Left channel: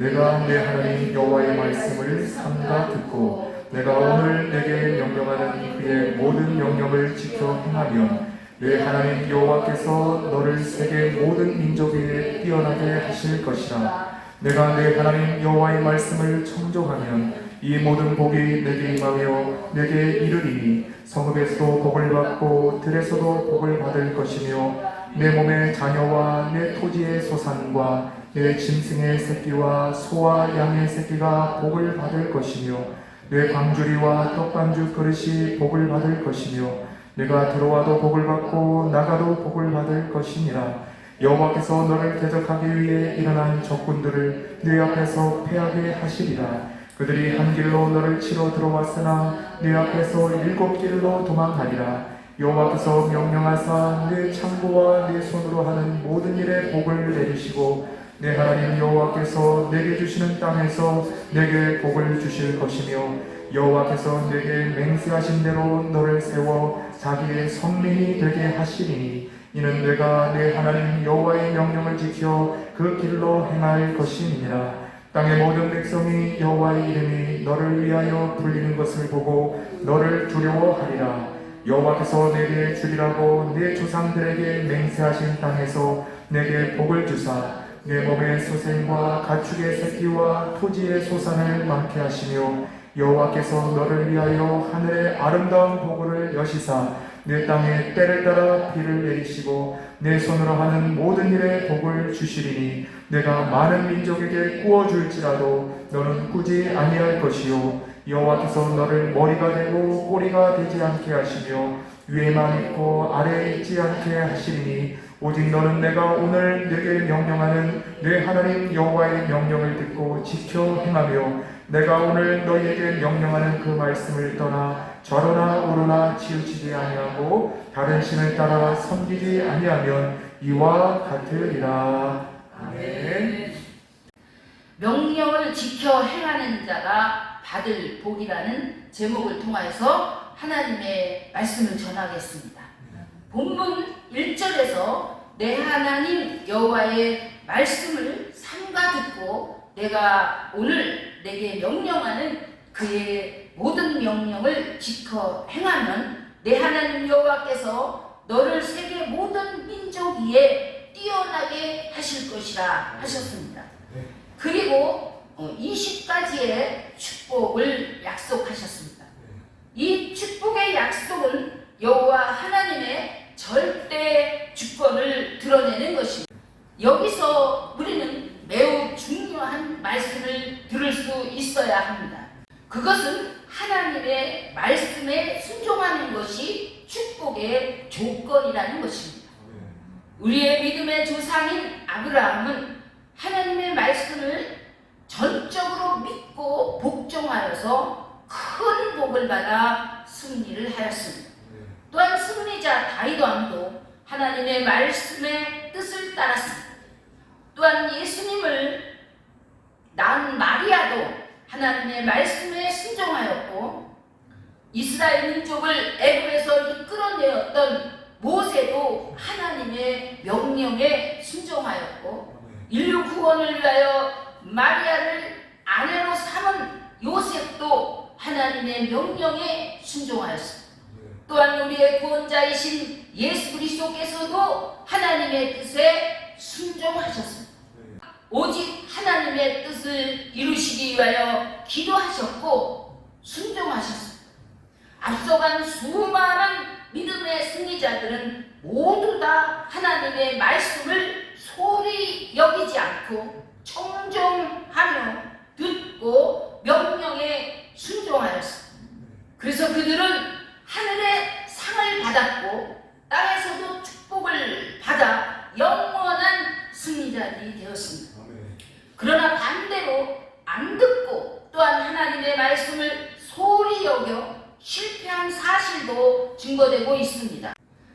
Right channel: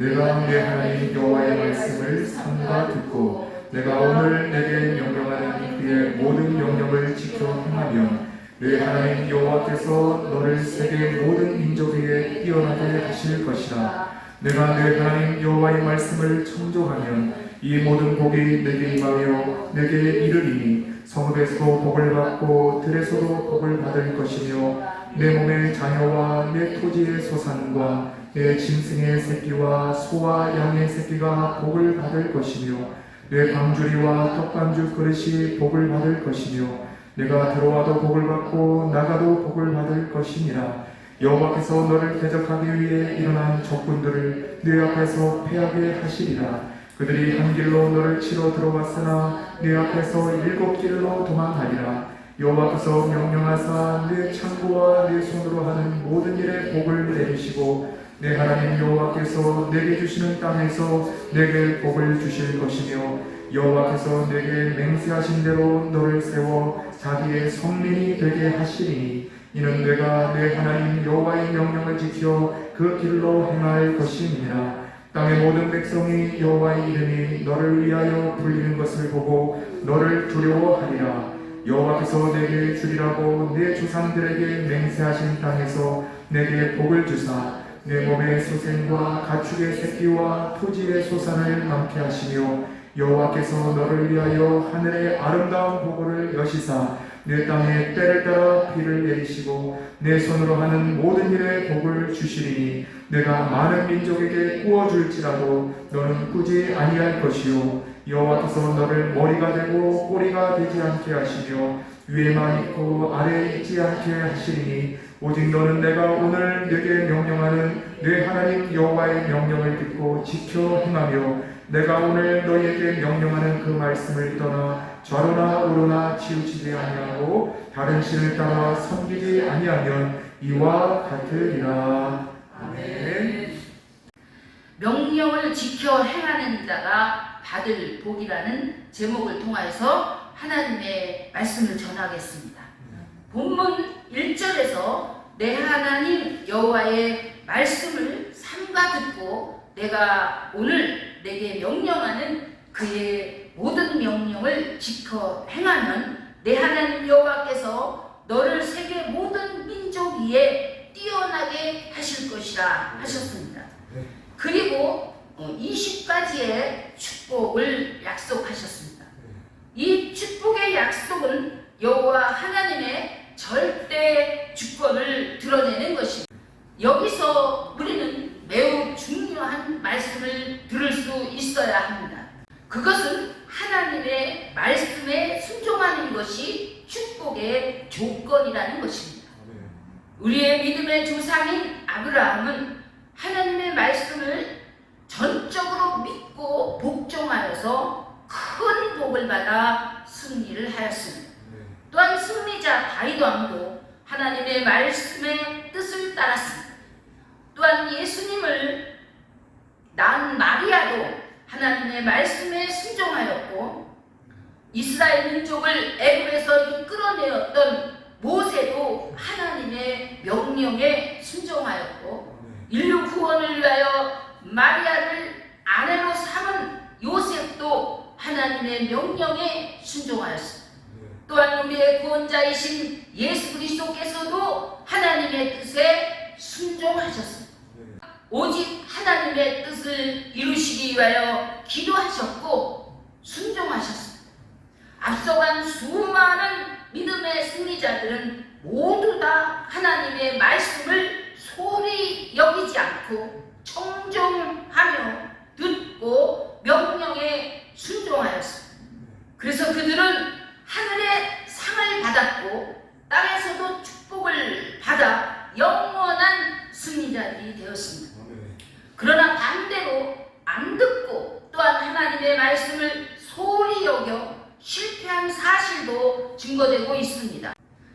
내가 내 하나님 여호와의 말씀을 삼가 듣고 내가 오늘 내게 명령하는 그의 모든 명령을 지켜 행하면 내 하나님 여호와께서 너를 세계 모든 민족 위에 뛰어나게 하실 것이라. 내가 내 하나님 여호와의 말씀을 청종하면 이 모든 복이 내게 임하며 내게 이르리니 성읍에서도 복을 받고 들에서도 복을 받을 것이며 내 몸의 자녀와 내 토지의 소산과 내 짐승의 새끼와 소와 양의 새끼가 복을 받을 것이며 내 광주리와 떡반죽 그릇이 복을 받을 것이며 내가 들어와도 복을 받고 나가도 복을 받을 것이니라. 여호와께서 너를 대적하기 위해 일어난 적군들을 네 앞에서 패하게 하시리라. 그들이 한 길로 너를 치러 들어왔으나 네 앞에서 7길로 도망하리라. 여호와께서 명령하사 네 창고와 네 손으로 하는 모든 일에 복을 내리시고 내 하나님 여호와께서 내게 주시는 땅에서 내게 복을 주실 것이며 여호와께서 내게 맹세하신 대로 너를 세워 자기의 성민이 되게 하시리니 이는 내가 내 하나님 여호와의 명령을 지켜 그 길로 행할 것임이니라. 땅의 모든 백성이 여호와의 이름이 너를 위하여 불리는 것을 보고 너를 두려워하리라. 여호와께서 내게 주리라고 내 조상들에게 맹세하신 땅에서 내게 복을 주사 내 몸의 소생과 가축의 새끼와 토지의 소산을 많게 하시며 여호와께서 너를 위하여 하늘의 아름다운 보고를 여시사 내 땅에 때를 따라 비를 내리시고 내 손으로 하는 모든 일에 복을 주시리니 내가 많은 민족에게 구워줄지라도 너는 꾸지 아니할 것이요 여호와께서 너를 머리가 되고 꼬리가 되지 않게 하시며 위에만 있고 아래에 있지 않게 하시리니 오직 너는 내가 오늘 네게 명령하는 네 하나님 여호와의 명령을 듣고 지켜 행하며 내가 오늘 너희에게 명령하는 그 말씀을 떠나 좌로나 우로나 치우치지 아니하고 다른 신을 따라 섬기지 아니하면 이와 같으리라. 아멘. 명령을 지켜 행하는 자가 받을 복이라는 제목을 통하여서 하나님의 말씀을 전하겠습니다. 본문 1절에서 내 하나님 여호와의 말씀을 삼가 듣고 내가 오늘 내게 명령하는 그의 모든 명령을 지켜 행하면 내 하나님 여호와께서 너를 세계 모든 민족 위에 뛰어나게 하실 것이라 하셨습니다. 그리고 20가지의 축복을 약속하셨습니다. 이 축복의 약속은 여호와 하나님의 절대 주권을 드러내는 것입니다. 여기서 우리는 매우 중요한 말씀을 들을 수 있어야 합니다. 그것은 하나님의 말씀에 순종하는 것이 축복의 조건이라는 것입니다. 우리의 믿음의 조상인 아브라함은 하나님의 말씀을 전적으로 믿고 복종하여서 큰 복을 받아 승리를 하였습니다. 또한 승리자 다윗 왕도 하나님의 말씀의 뜻을 따랐습니다. 또한 예수님을 낳은 마리아도 하나님의 말씀에 순종하였고 이스라엘 민족을 애굽에서 이끌어내었던 모세도 하나님의 명령에 순종하였고 인류 구원을 위하여 마리아를 아내로 삼은 요셉도 하나님의 명령에 순종하였습니다. 또한 우리의 구원자이신 예수 그리스도께서도 하나님의 뜻에 순종하셨습니다. 오직 하나님의 뜻을 이루시기 위하여 기도하셨고 순종하셨습니다. 앞서간 수많은 믿음의 승리자들은 모두 다 하나님의 말씀을 소리 여기지 않고 청종하며 듣고 명령에 순종하였습니다. 그래서 그들은 하늘의 상을 받았고 땅에서도 축복을 받아 영원한 승리자들이 되었습니다. 그러나 반대로 안 듣고 또한 하나님의 말씀을 소홀히 여겨 실패한 사실도 증거되고 있습니다.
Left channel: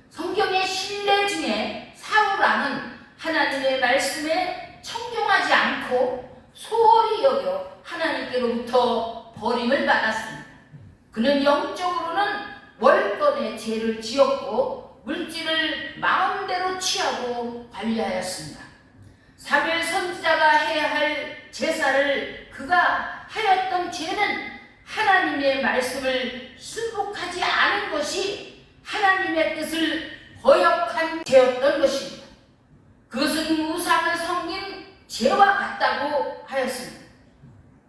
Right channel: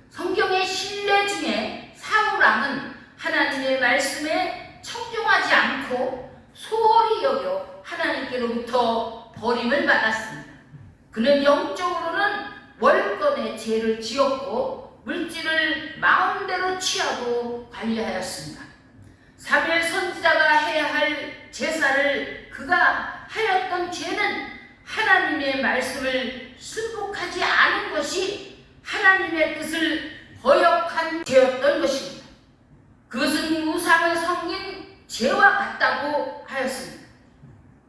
성경의 신뢰 중에 사울왕은 하나님의 말씀에 청종하지 않고 소홀히 여겨 하나님께로부터 버림을 받았습니다. 그는 영적으로는 월권의 죄를 지었고 물질을 마음대로 취하고 관리하였습니다. 사무엘 선지자가 해야 할 제사를 그가 하였던 죄는 하나님의 말씀을 순복하지 않은 것이 하나님의 뜻을 거역한 죄였던 것입니다. 그것은 우상을 섬긴 죄와 같다고 하였습니다.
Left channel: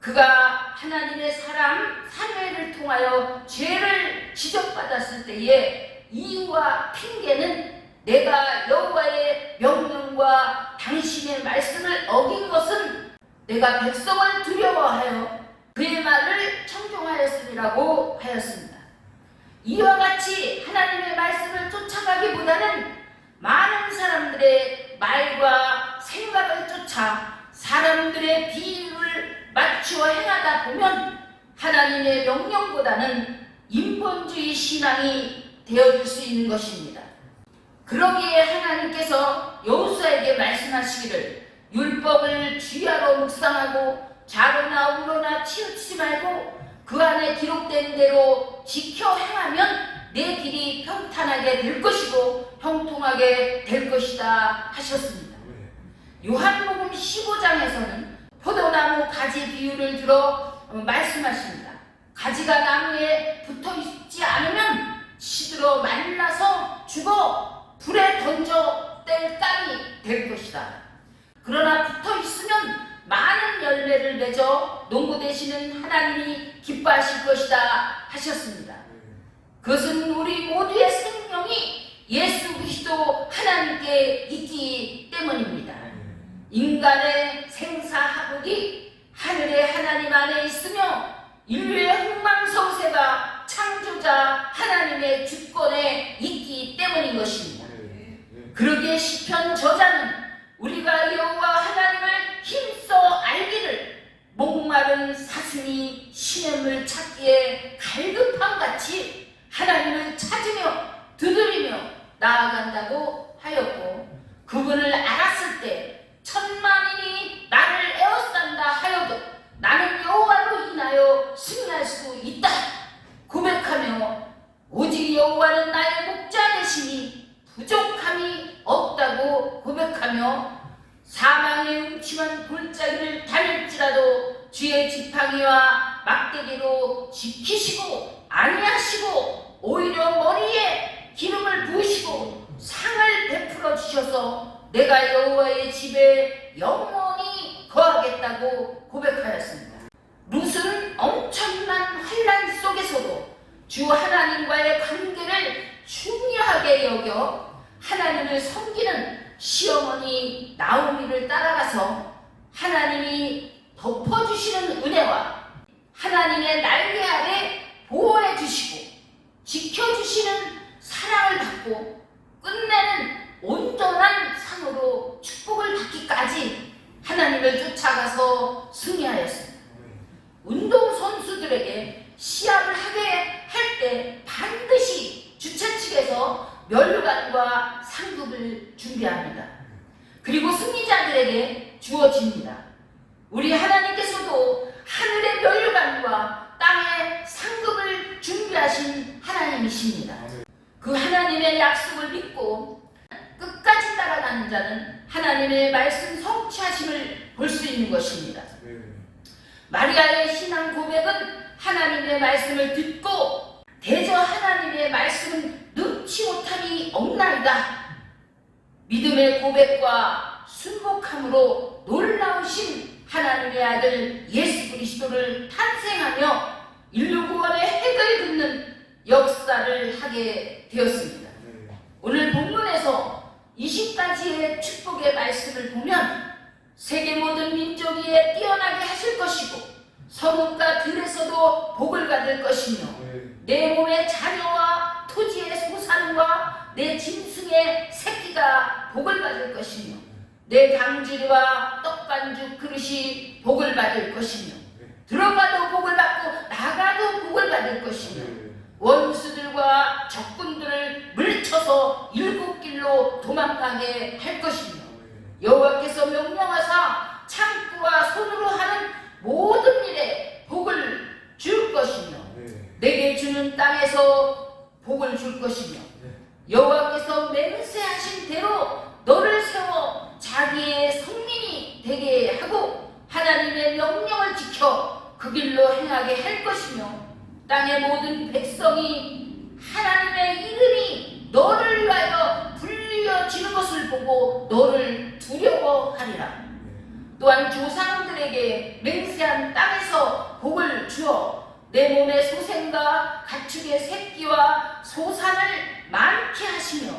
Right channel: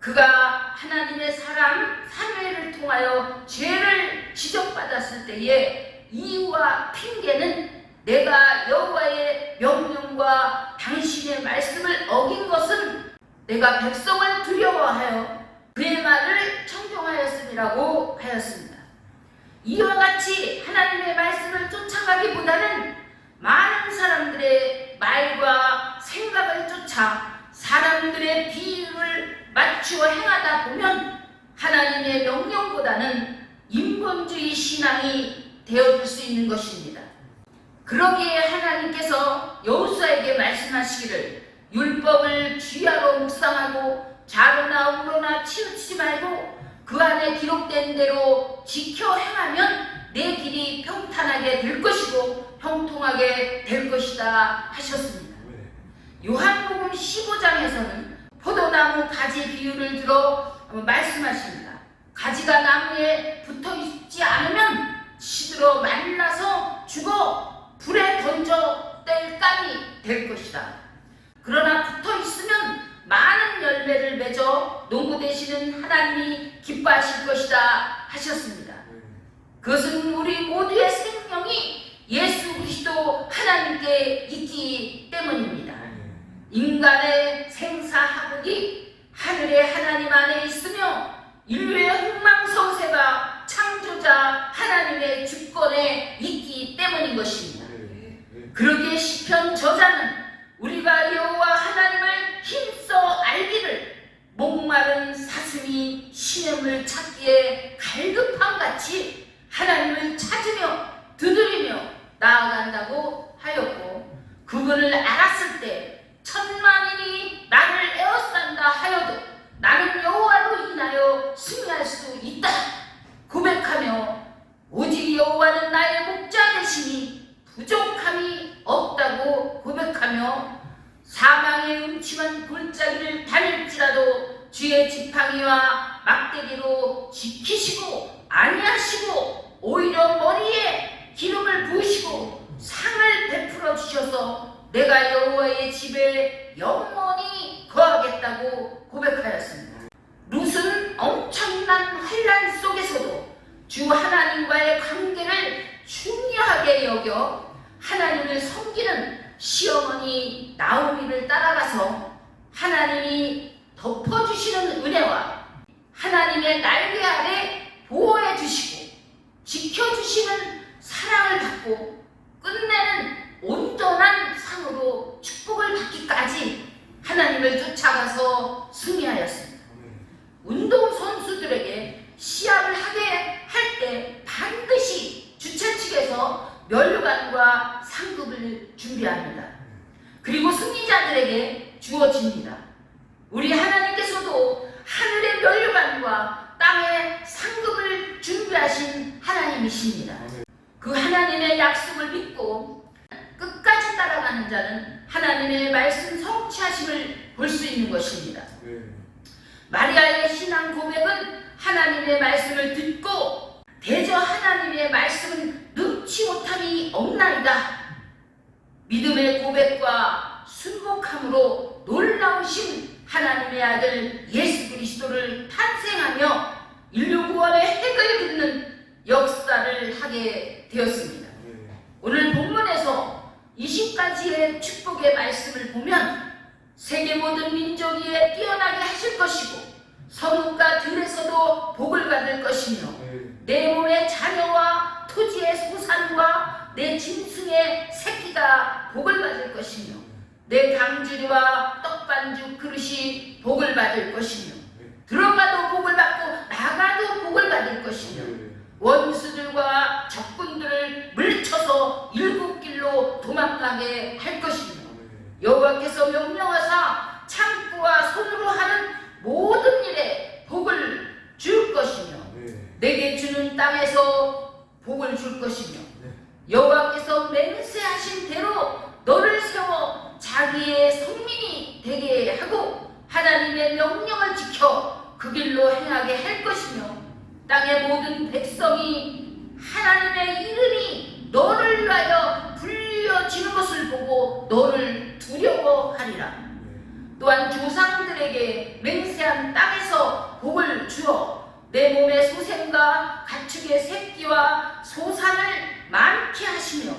그가 하나님의 사람 사무엘을 통하여 죄를 지적받았을 때에 이유와 핑계는 내가 여호와의 명령과 당신의 말씀을 어긴 것은 내가 백성을 두려워하여 그의 말을 청종하였으리라고 하였습니다. 이와 같이 하나님의 말씀을 쫓아가기보다는 많은 사람들의 말과 생각을 쫓아 사람들의 비유를 맞추어 행하다 보면 하나님의 명령보다는 인본주의 신앙이 되어줄 수 있는 것입니다. 그러기에 하나님께서 여호수아에게 말씀하시기를 율법을 주야로 묵상하고 좌로나 우로나 치우치지 말고 그 안에 기록된 대로 지켜 행하면 내 길이 평탄하게 될 것이고 형통하게 될 것이다 하셨습니다. 요한복음 15장에서는 포도나무 가지 비유를 들어 말씀하십니다. 가지가 나무에 붙어 있지 않으면 시들어 말라서 죽어 불에 던져 뗄 땅이 될 것이다. 그러나 붙어 있으면 많은 열매를 맺어 농부 되시는 하나님이 기뻐하실 것이다 하셨습니다. 그것은 우리 모두의 생명이 예수 그리스도 하나님께 있기 때문입니다. 인간의 생사하복이 하늘의 하나님 안에 있으며 인류의 흥망성쇠가 창조자 하나님의 주권에 있기 때문인 것입니다. 그러기에 시편 저자는 우리가 여호와 하나님을 힘써 알기를 목마른 사슴이 시냇물 찾기에 갈급함같이 하나님을 찾으며 두드리며 나아간다고 하였고, 그분을 알았을 때 천만인이 나를 에워싼다 하여도 나는 여호와로 인하여 승리할 수 있다 고백하며 오직 여호와는 나의 목자 되시니 부족함이 없다고 고백하며 사망의 음침한 골짜기를 다닐지라도 주의 지팡이와 막대기로 지키시고 아니하시고 오히려 머리에 기름을 부으시고 상을 베풀어 주셔서 내가 여호와의 집에 영원히 거하겠다고 고백하였습니다. 룻은 엄청난 환난 속에서도 주 하나님과의 관계를 중요하게 여겨 하나님을 섬기는 시어머니 나오미를 따라가서 하나님이 덮어주시는 은혜와 하나님의 날개 아래 보호해 주시고 지켜주시는 사랑을 받고 끝내는 온전한 상으로 축복을 받기까지 하나님을 쫓아가서 승리하였습니다. 운동선수들에게 시합을 하게 할 때 반드시 주최 측에서 면류관과 상급을 준비합니다. 그리고 승리자들에게 주어집니다. 우리 하나님께서도 하늘의 면류관과 땅의 상급을 준비하신 하나님이십니다. 그 하나님의 약속을 믿고 끝까지 따라가는 자는 하나님의 말씀 성취하심을 볼 수 있는 것입니다. 마리아의 신앙 고백은 하나님의 말씀을 듣고 대저 하나님의 말씀은 능치 못함이 없나이다. 믿음의 고백과 순복함으로 놀라우신 하나님의 아들 예수 그리스도를 탄생하며 인류 구원의 핵을 긋는 역사를 하게 되었습니다. 오늘 본문에서 20가지의 축복의 말씀을 보면 세계 모든 민족 위에 뛰어나게 하실 것이고 성읍과 들에서도 복을 받을 것이며 내 몸의 자녀와 토지의 소산과 내 짐승의 새끼가 복을 받을 것이며 내 강주리와 떡반죽 그릇이 복을 받을 것이며 들어가도 복을 받고 나가도 복을 받을 것이며 원수들과 적군들을 물쳐서 일곱 길로 도망가게 할 것이며 여호와께서 명령하사 창고와 손으로 하는 모든 일에 복을 줄 것이며 내게 주는 땅에서 복을 줄 것이며 여호와께서 맹세하신 대로 너를 세워 자기의 성민이 그 길로 행하게 할 것이며 땅의 모든 백성이 하나님의 이름이 너를 위하여 불려지는 것을 보고 너를 두려워하리라. 또한 조상들에게 맹세한 땅에서 복을 주어 내 몸의 소생과 가축의 새끼와 소산을 많게 하시며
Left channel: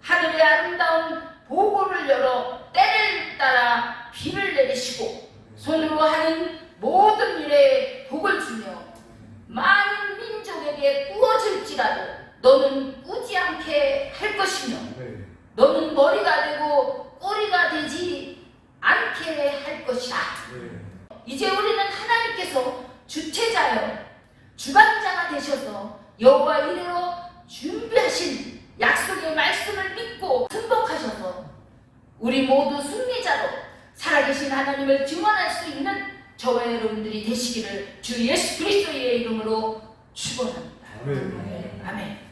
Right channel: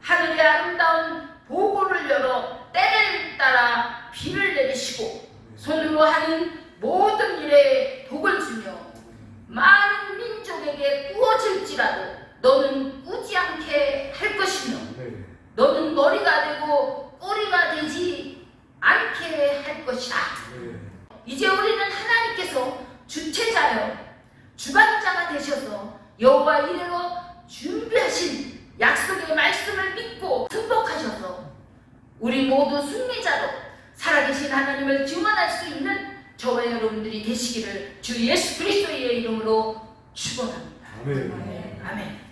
하늘의 아름다운 보고를 열어 때를 따라 비를 내리시고 손으로 하는 모든 일에 복을 주며 많은 민족에게 꾸어질지라도 너는 꾸지 않게 할 것이며 너는 머리가 되고 꼬리가 되지 않게 할 것이라. 이제 우리는 하나님께서 주체자여 주관자가 되셔서 여호와 이래로 준비하신 약속의 말씀을 믿고 승복하셔서 우리 모두 승리자로 살아계신 하나님을 증언할 수 있는 저와 여러분들이 되시기를 주 예수 그리스도의 이름으로 축원합니다. 아멘. 아멘.